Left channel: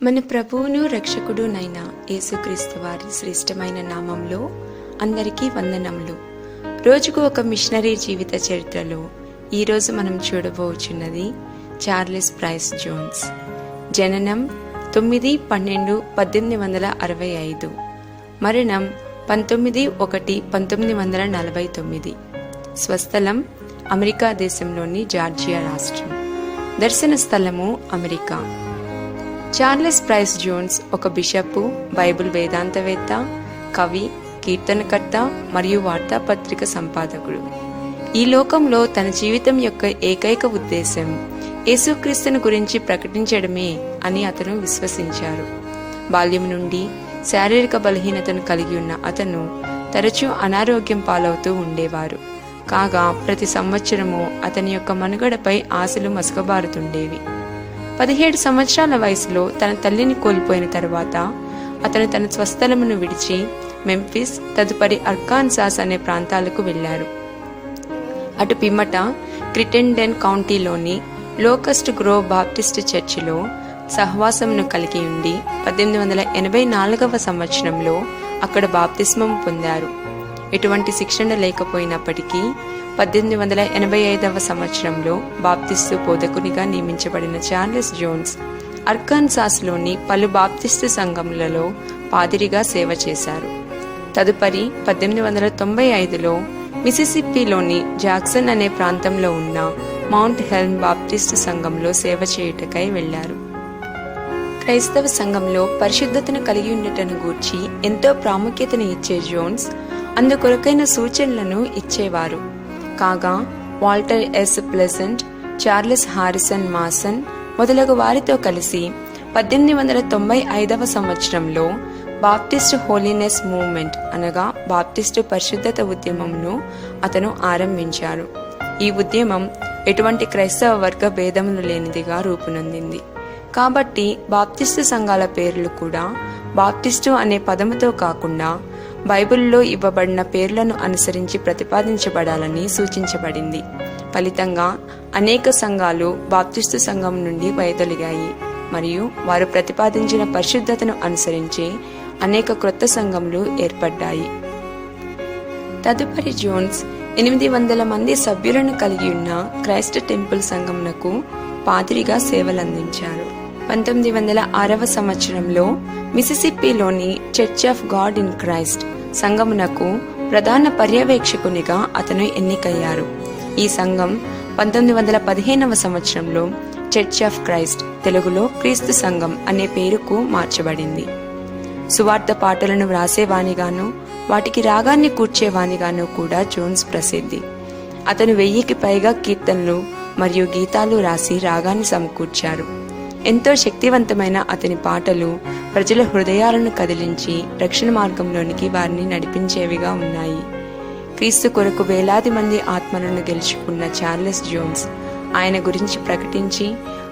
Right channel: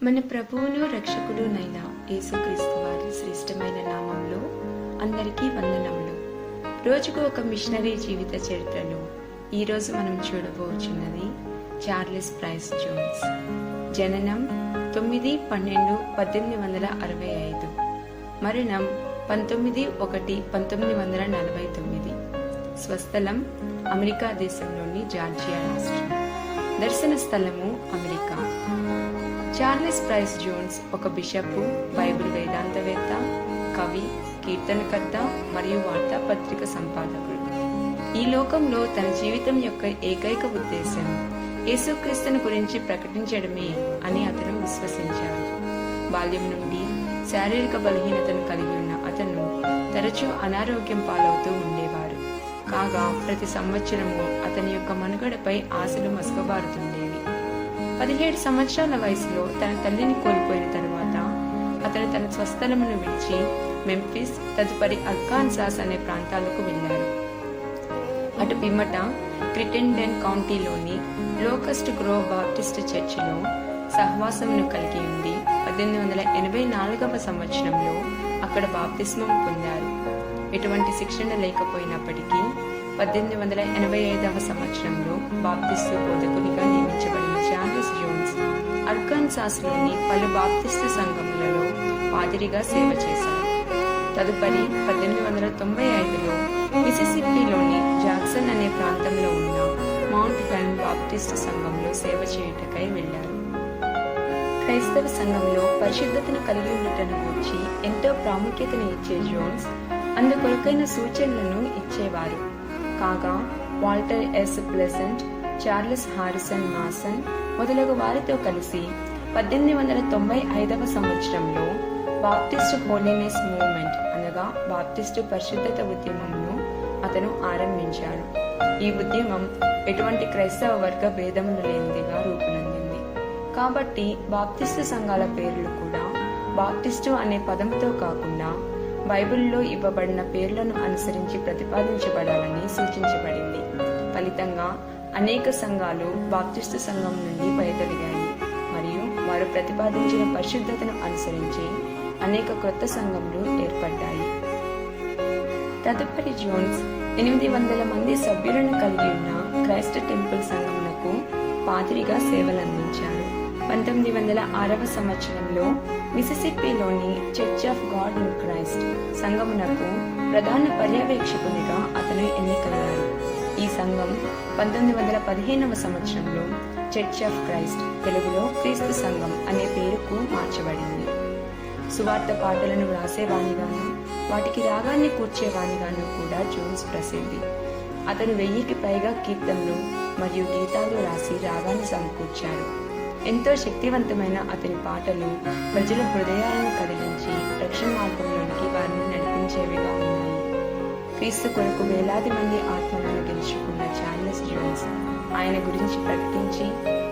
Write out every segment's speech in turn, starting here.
మన ప్రభువును రక్షకుడునైన యేసుక్రీస్తు వారి శ్రేష్టమైన నామంలో అందరికీ వందనములు. రోజుకు ఒక మిషనరీ జీవిత చరిత్రలో ఈరోజు మనం చూడబోచున్నది చార్లెస్ ప్రైస్ జోన్స్. జననం 9/12/1865, మరణం 19/1/1949. స్వస్థలం అమెరికా దేశంలోని జార్జియా రాష్ట్రం. దర్శన స్థలము అమెరికా. చార్లెస్ ప్రైస్ జోన్స్ ఒక బిషప్, బైబిల్ వేదాంతవేత్త, కవి, కీర్తనకర్త మరియు వార్తాపత్రిక సంపాదకుడు. ఈ లోకంలో తన జీవితం యొక్క ఏకైక ఉద్దేశం యేసుక్రీస్తుని గురించి ప్రకటించడమే అని అతను విశ్వసించారు. బాల్యం నుండి శారీరక బలహీనతను కలిగి ఉన్న అతను తరచూ అనారోగ్యం పాలవుతూ ఉండేవారు. కాగా ప్రతి సంవత్సరము అతని యొక్క మనుగడపై ఆశలు మసకబారుతుండేవి. 17 సంవత్సరాల వయసులో తన తల్లిని కోల్పోయిన తరువాత అతను తన స్వస్థలమును విడిచి మెంఫిస్, తదుపరి అర్కాన్సాస్ అనే ప్రాంతాలకు వెళ్లారు. అటు పిమ్మట క్రిటెండెన్ కౌంటీలోని లోకస్ట్ గ్రోవ్ బాప్టిస్ట్ చర్చిలో సహవాసమును కలిగి ఉండి 1884వ సంవత్సరంలో అక్కడ బాప్తిస్మం పొందారు. ఎటువంటి శిక్షణ లేకపోయినప్పటికీ 1885వ సంవత్సరంలో బాప్తిస్టు బోధకునిగా నియమించబడిన చార్లెస్ జోన్స్ అర్కాన్సాస్లోని పలు బాప్తిస్టు సంఘములలో పాదిరిగా సేవ చేశారు. తదుపరి 1895లో మిసిసిప్పిలోని జాక్సన్ అనే ప్రాంతంలో ఉన్న మౌంట్ హెల్మ్ బాప్టిస్టు సంఘంలో సేవ చేయుటకై వెళ్లారు. క్రైస్తవ సంఘంలో పరిశుద్ధతను కలిగి ఉండటను గూర్చి ఎంతో ప్రాముఖ్యతను ఇచ్చే జోన్స్ అందుకొరకైన సూచనలను ఇచ్చేవారు. కాగా Walter S Pleasant, Charles Harrison Mason మొదలగు వారితో కలిసి 1895వ సంవత్సరంలో బాప్టిస్ట్ హోలీనెస్ మూవ్మెంట్ అనగా బాప్టిస్టు పరిశుద్ధత ఉద్యమంను అతను ఆరంభించారు. ఈ ఉద్యమం ఎటువంటి క్రైస్తవ వర్గ భేదములు లేనిదిగా రూపునొందింది. కాబట్టి బాప్టిస్టు సంఘాల పేర్లు కూడా బాప్టిస్టు అనే పదముతో కాకుండా బైబిల్లో ఇవ్వబడిన పేర్లను అనుసరించి ప్రతిపాదించబడాలని సూచించబడింది. ఫలితంగా అనేక సంఘాలు బాప్టిస్టు సంఘం నుండి వైదొలిగాయి మరియు వారు ప్రతిపాదించిన పరిశుద్ధతను అనుసరించి అనేక క్రొత్త సంఘములు ఏర్పడ్డాయి. తదుపరి జోన్స్ 800 మంది సభ్యులను కలిగి ఉన్న క్రైస్ట్ టెంపుల్ సంఘమునకు పాదిరిగా సేవలందించారు. 1906వ సంవత్సరంలో మిసిసిప్పిలోని church of God in Christ సంఘమునకు ప్రధాన పర్యవేక్షకునిగా అతను ఎన్నికయ్యారు. ఈ సంఘం 1915వ సంవత్సరంలో చర్చ్ ఆఫ్ క్రైస్ట్, తెలుగులో క్రీస్తు సంఘం అనే పేరుకు మార్చబడింది. సువార్త పాటలను వ్రాసేవానిగాను వాటికి రాగాన్ని కూర్చేవానిగాను కూడా జోన్స్ ప్రసిద్ధి. అతను 1000కి పైగా కీర్తనలు మరియు గీతాలు రాసి రాగాన్ని సమకూర్చారు. ఎంతో శక్తివంతమైన అతని పాటలు ప్రజల హృదయాలను కదిలించి రక్షణ మార్గంలోనికి వారిని నడిపించేవిగా ఉన్నాయి. క్రీస్తు కొరకు వేలాది మంది ఆత్మలను గెలుచుకున్న చార్లెస్ జోన్స్ ఆయన గురించి ప్రకటించి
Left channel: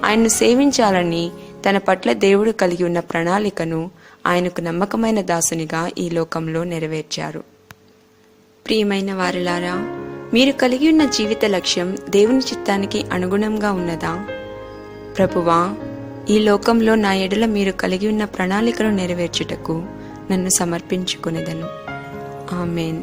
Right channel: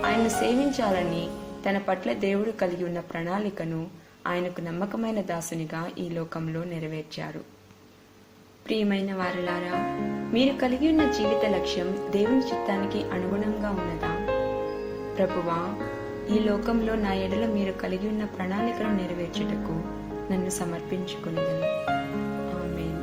ఆయన్ను సేవించాలని తన పట్ల దేవుడు కలిగి ఉన్న ప్రణాళికను ఆయనకు నమ్మకమైన దాసునిగా ఈ లోకంలో నెరవేర్చారు. ప్రియమైన వారలారా, మీరు కలిగి ఉన్న జీవిత లక్ష్యం దేవుని చిత్తానికి అనుగుణంగా ఉన్నదా? ప్రభువా, ఈ లోకంలో నా ఎడల మీరు కలిగి ఉన్న ప్రణాళికను నెరవేర్చుటకు నన్ను సమర్పించుకొనెదను. ఆమేన్.